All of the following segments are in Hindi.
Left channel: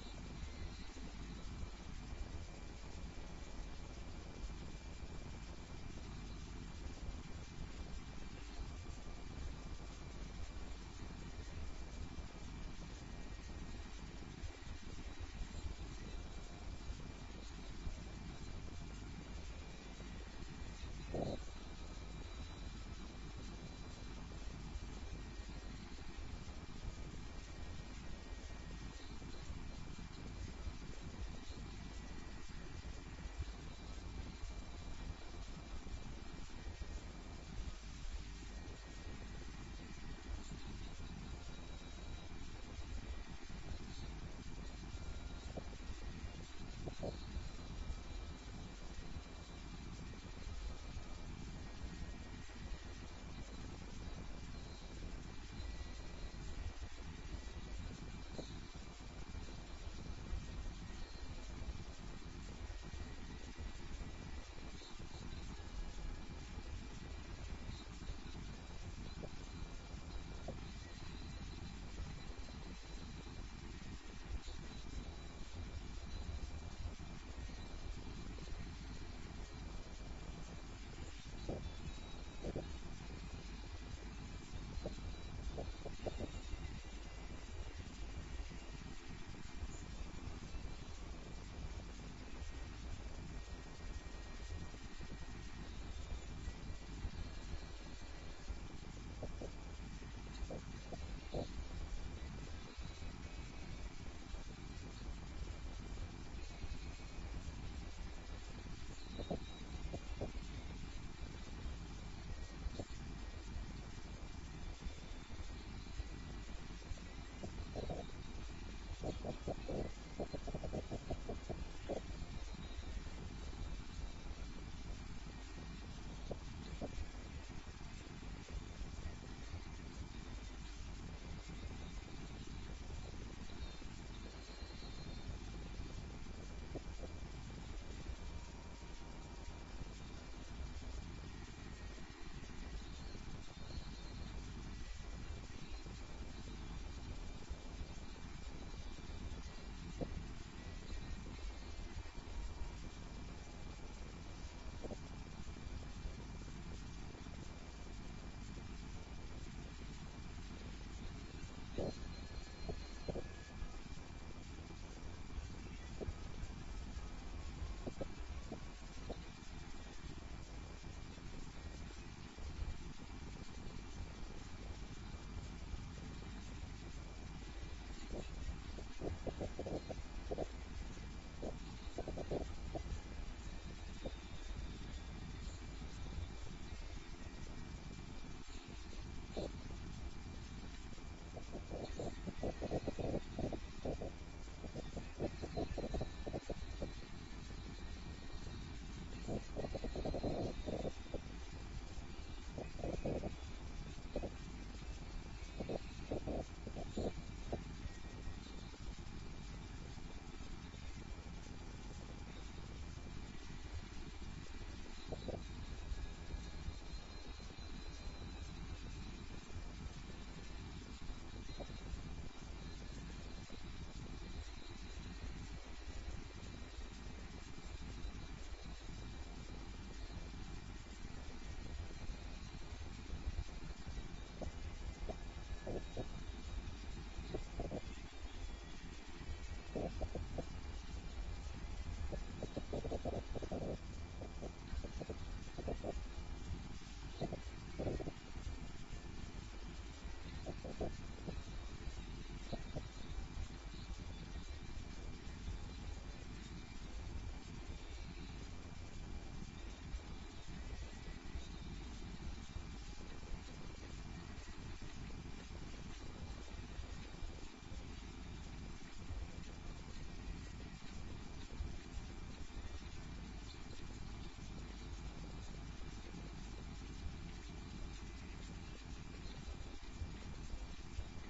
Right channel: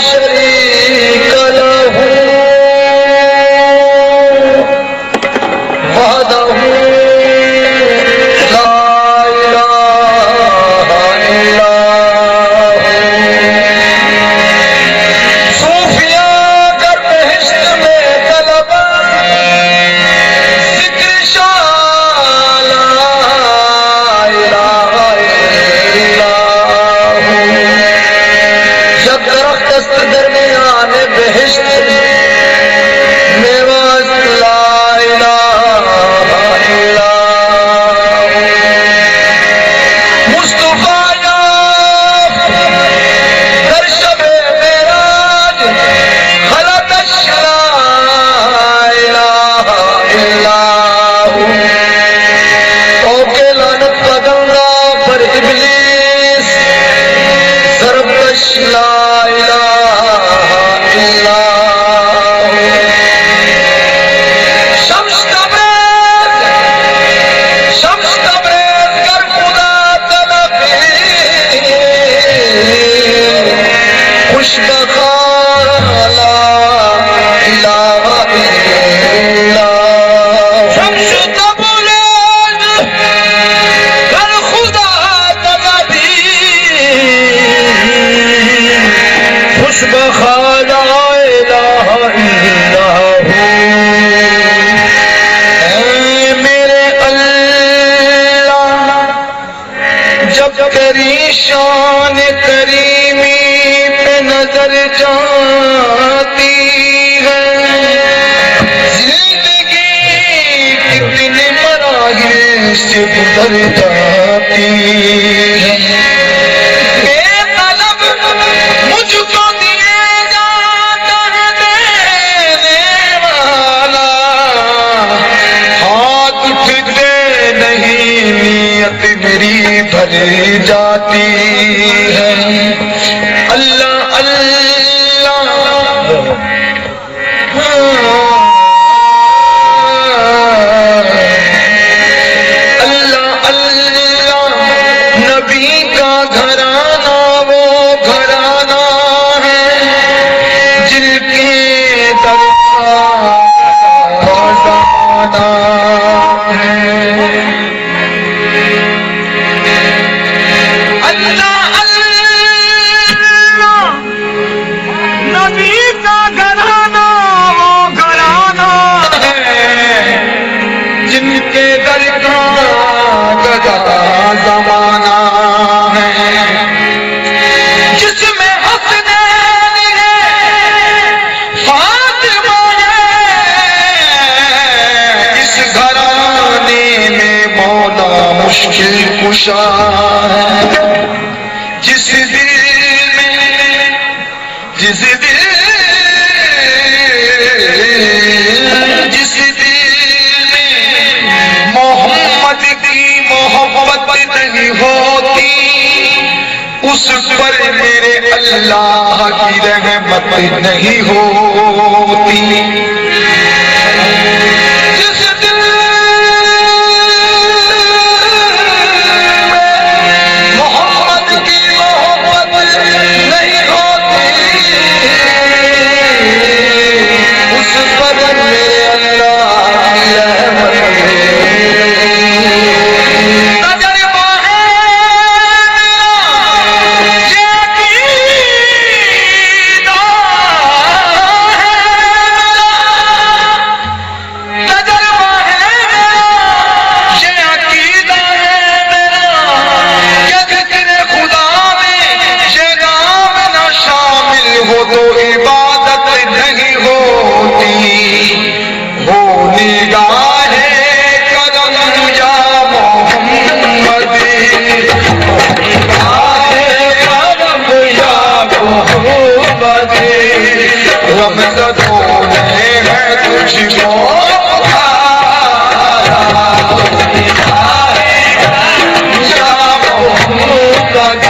शरीक लहू वहदहू ला इलाहा इल्लल्लाह। सूफिया कर बहिश्त में तलब जिक्र शाह ला इलाहा इल्लल्लाह। जब दरख्त दस्त दरमियान बहिश्त मेवाज ला इलाहा इल्लल्लाह। मुस्तफा याफ्त दर शबे मेराज खलतश ला इलाहा इल्लल्लाह। ओके लानत पगंगा पर इब्लीस ज़रबश ला इलाहा इल्लल्लाह। शम्स तबरेज़ कर खुदा तलबी खुशबखा ला इलाहा इल्लल्लाह। शम्स तबरेज़ कर खुदा तलबी खुशबखा ला इलाहा इल्लल्लाह। ऐ मेरे अल्लाह जब तेरी शान करीमी पे नजर जाती है जिंदगी कितने मराहिल से गुजर जाती है। बेतलब मुझको दिएगा दर देने वाला हाथ उठते नहीं नियत मेरी भर जाती है। अल्लाह अल्लाह अल्लाह अल्लाह नबी का घराना वो घराना है जिनके दर का खजाना है। अल्लाह अल्लाह नबी का घराना वो घराना है जिनके दर का गदा जमाना है। जिसमें हसनैन है फातिमा है इस घराने में मौला मुश्किल कुशा है। जिस दिल में जिस दिल में मोहम्मद की मोहब्बत नहीं होती उस पर मेरे अल्लाह की रहमत नहीं होती। जिस दिल में मोहम्मद की मोहब्बत नहीं होती उस पर मेरे अल्लाह की रहमत नहीं होती। तजर्बा है मेरा ये अकीदा है मेरा। तजर्बा है मेरा ये अकीदा है मेरा कि जिक्र खुदा में ये नाम न शामिल हो तो इबादत नहीं होती। हो निगाहे करम या मोहम्मद निगाहे करम या मोहम्मद रमज़दों ने है तुझको पुकारा। निगाहे करम या मोहम्मद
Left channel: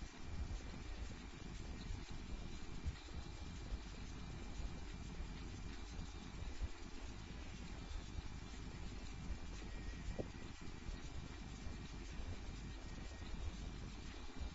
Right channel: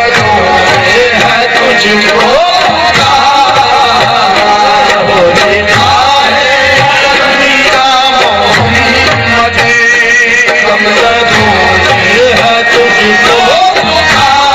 रमज़दों ने है तुझको पुकारा।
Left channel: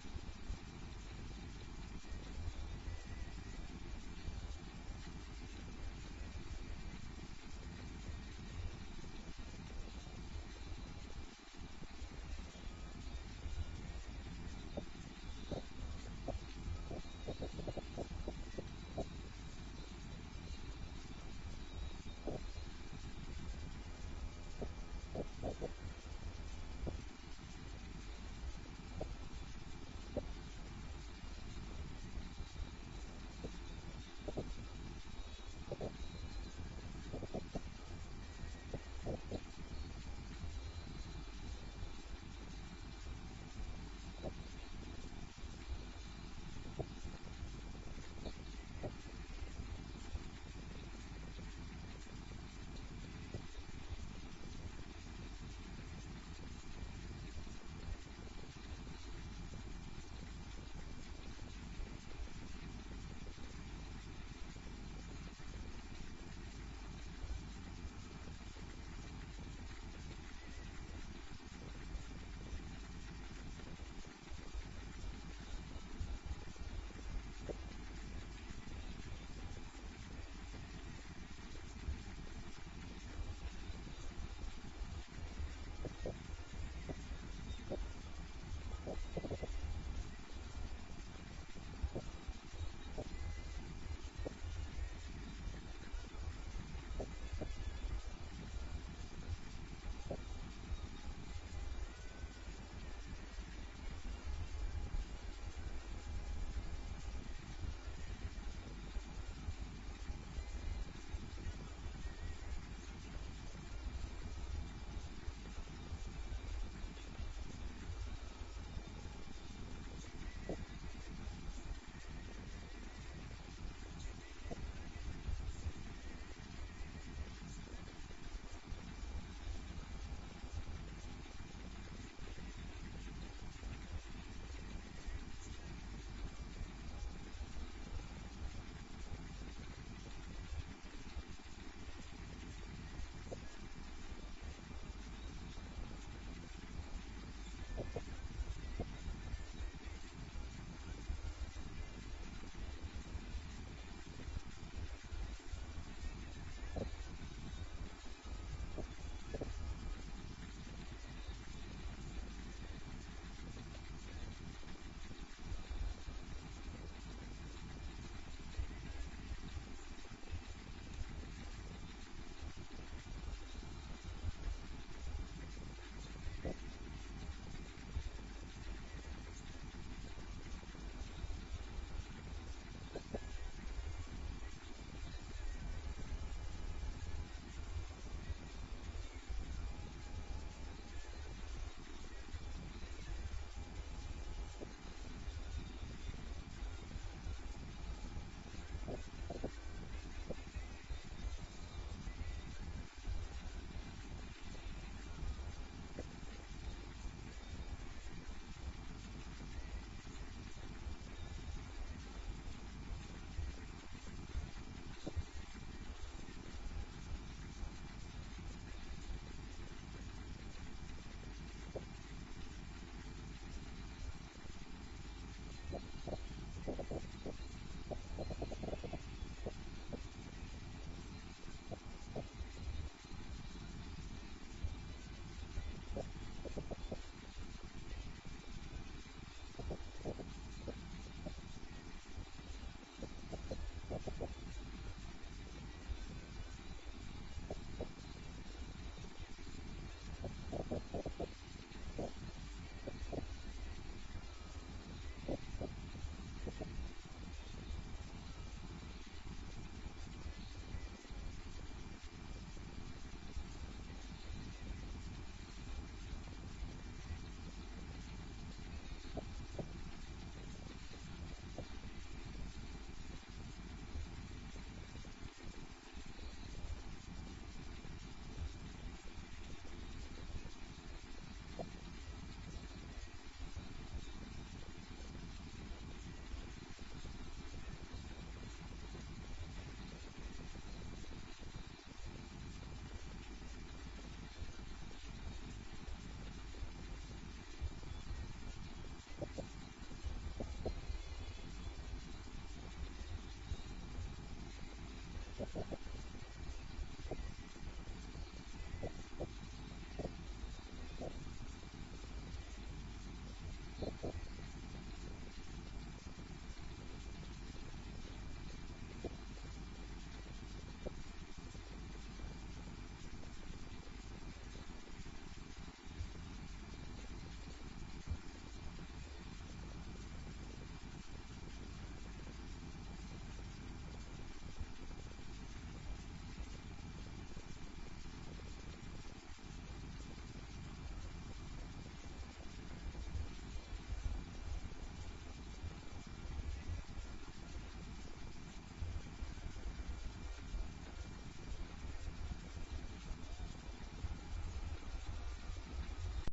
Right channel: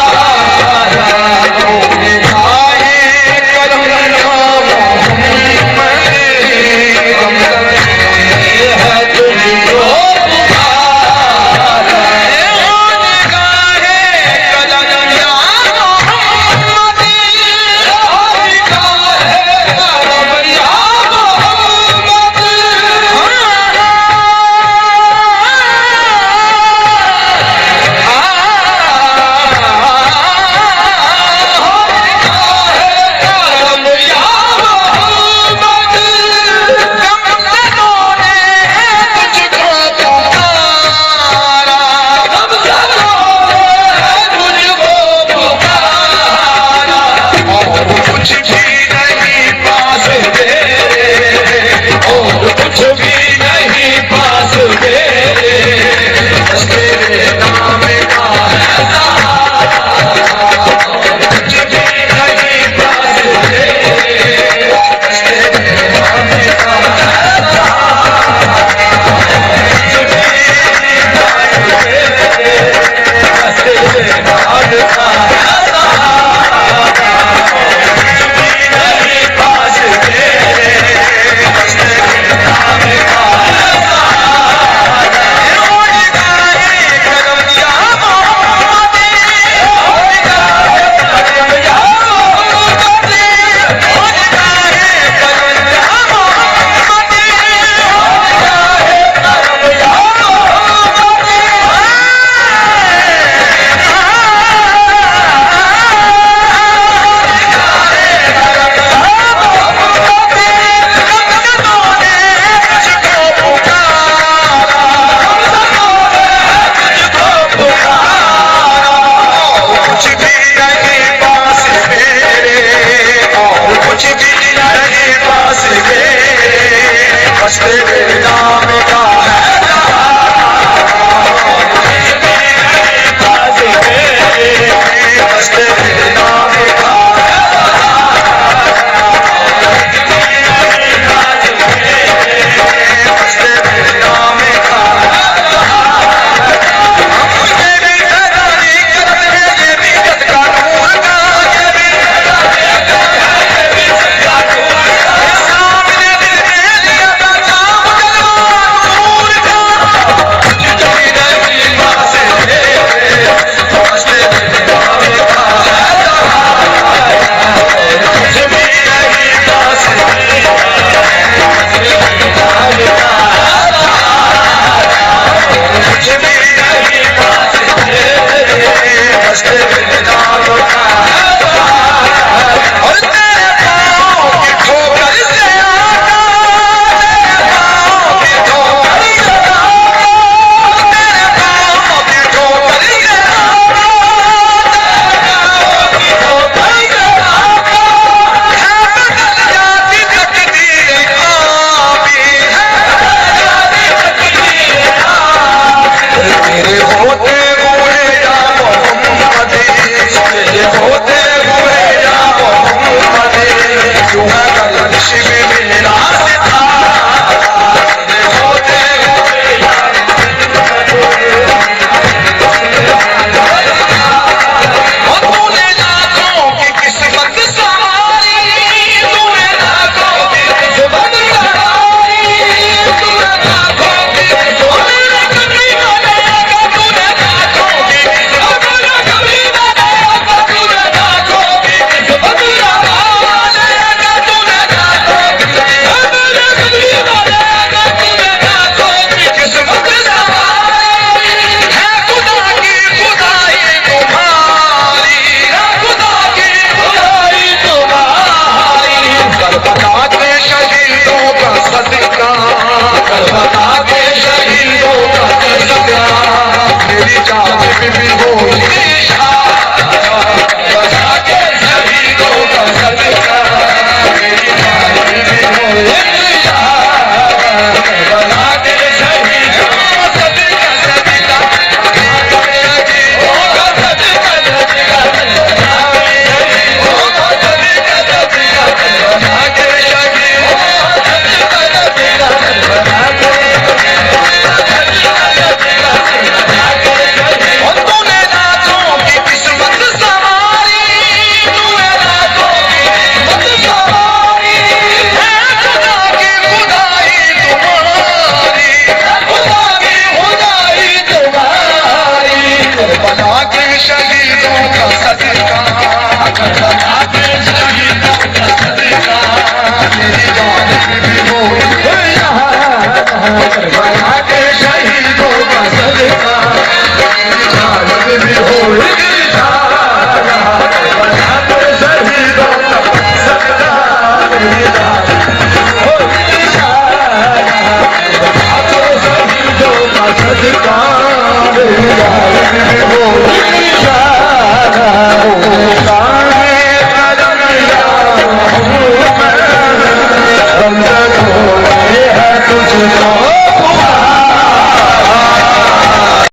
तेरे